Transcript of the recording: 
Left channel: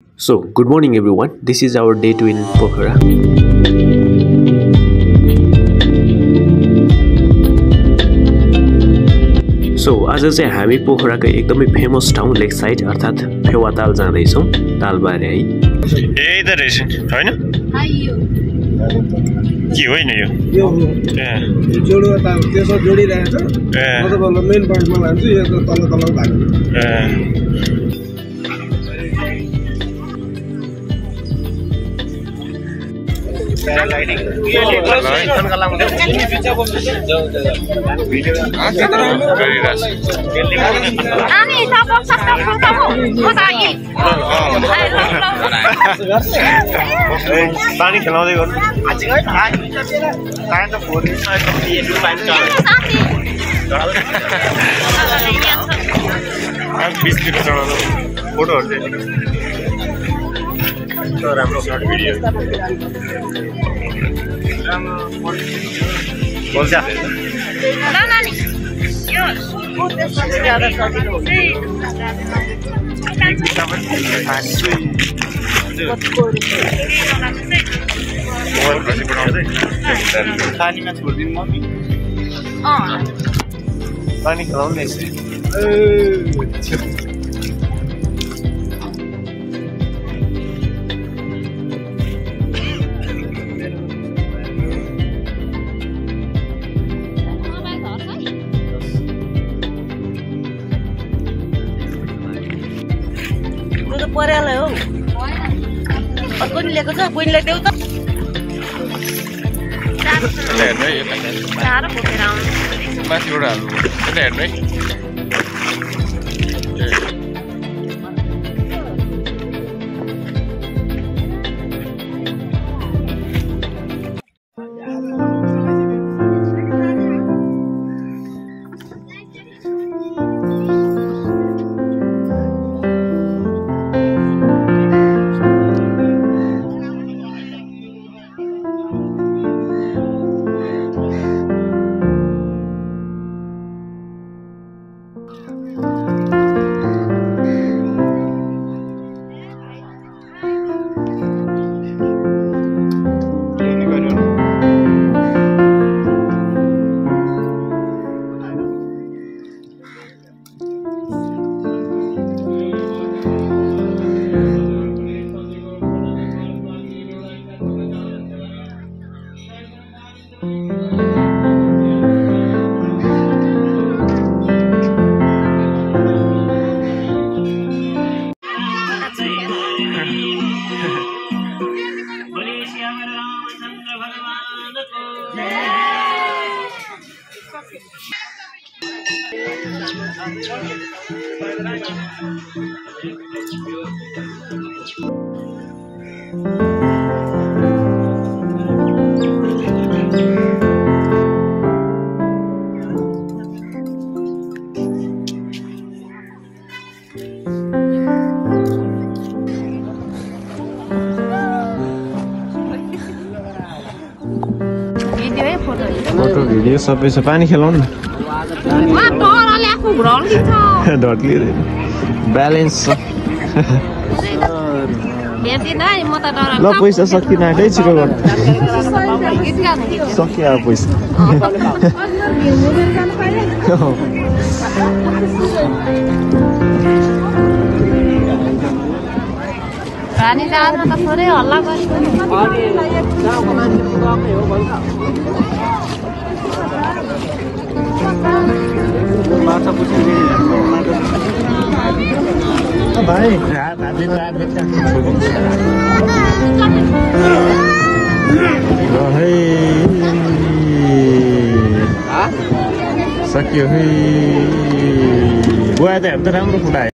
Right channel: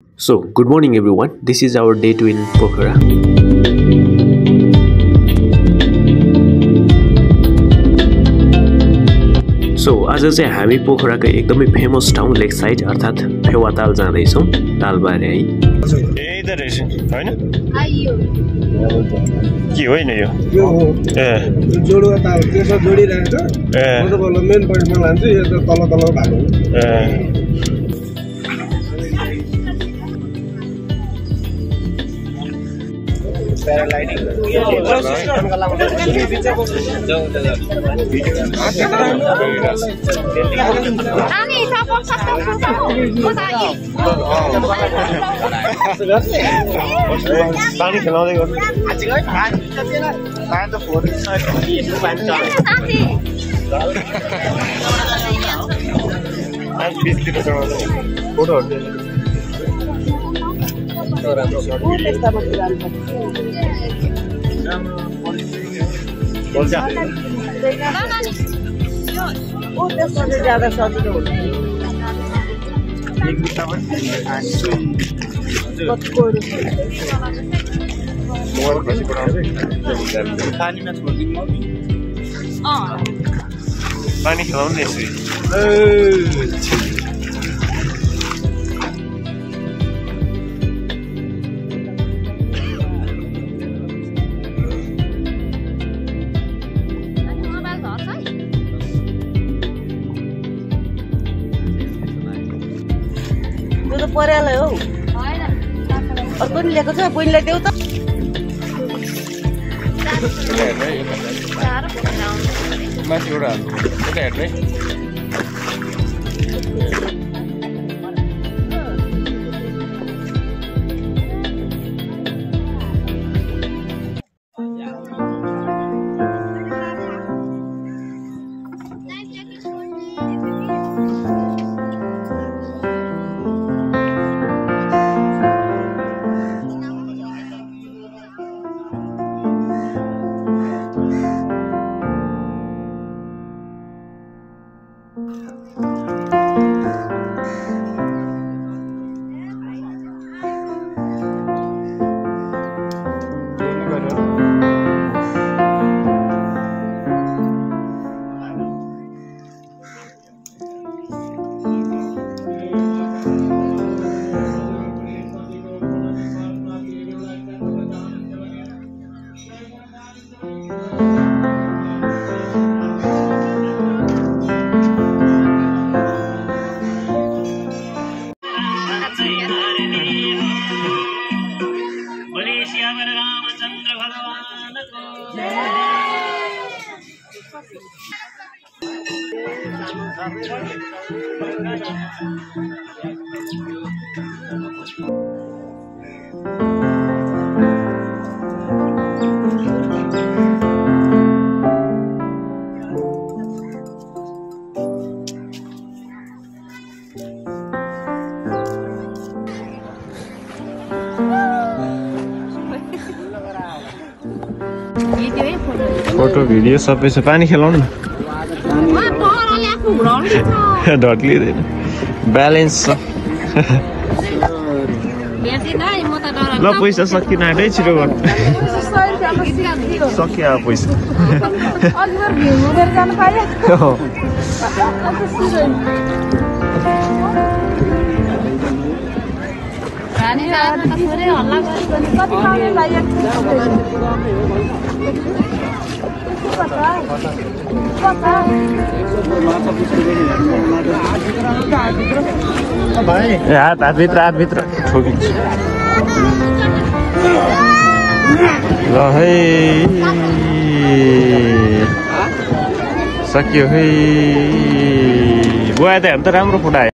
So, good morning everyone. This is our day 2 in Pokhara. So, आज चाहिँ हामी पोखराको एकदमै फेमस ठाउँ लेक साइड अर्थात् फेवाताल जाँदै छौं। तालबारे है। यही त रहेछ हैन? के होइन यो? यो हो। जोडुवा ताल त्यसो जोडिरहेछ। मतलब मेन पोइन्टमा लान्छु यो त तल भएको। पैरालाइडिङ पानी खेलाउँदै गर्नु फोटोहरु चाहिँ राम्रो सर्ट भिडियो पानीमा छोडिदिनु मम्मी पानी खेलाउने परेला हो अर्को नि ल्याएको छ बहिनीलाई देऊ त माथिबाट हाल्नु यता हेर्नु है फोटो भिडियो सबै छ पानी खेलाउनु ढट्लिँदैन ब्यालेन्स छ ल पैसा सकिन आँटै छिटो गर्नु सकियो अब पैसा हातभित्र ठोकिन्छ ल है सकियो है बुवा त हेर्नु त राम्रो फुटायो